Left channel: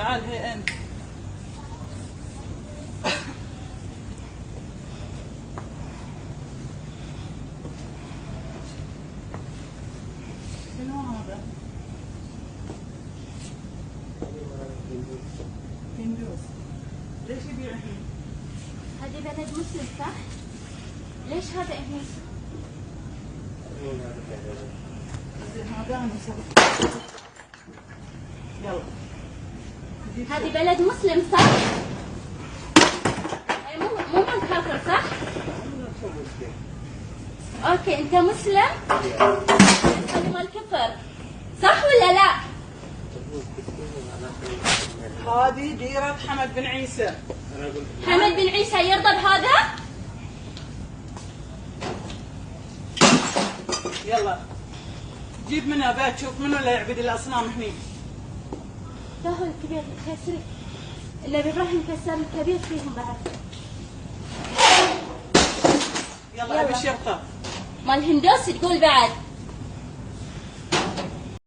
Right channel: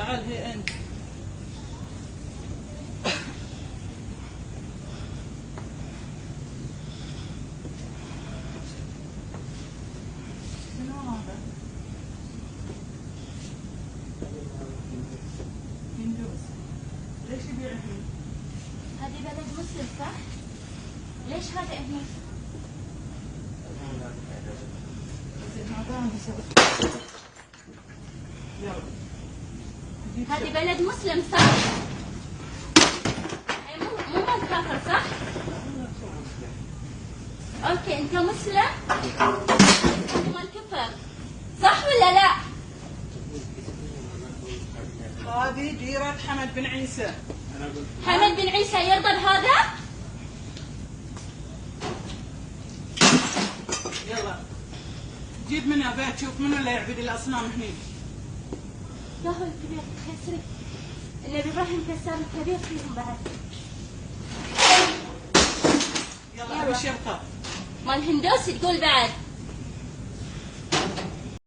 تعال هي انت. شنو هذا؟ هندوس. ليش يبيع هنا؟ هذه بلد مسلم صح؟ ليش هذا هنا؟ يلا. هذه بلد مسلم صح؟ أي مو مال كافر صح؟ اوكي انت مسلم؟ انت مال كفر صح ولا لا؟ هذه ديرة حمد بن عيسى. حمد بن عيسى يرضى بهذا؟ يلا جيب منها بات شوف منو اللي يعبد الاصنام هني. لا هو الكبير كسري اللي بيظلهم كسر الكبير فيهم بعد. يلا ابي الشرطة. مال هندوس تقول بعد.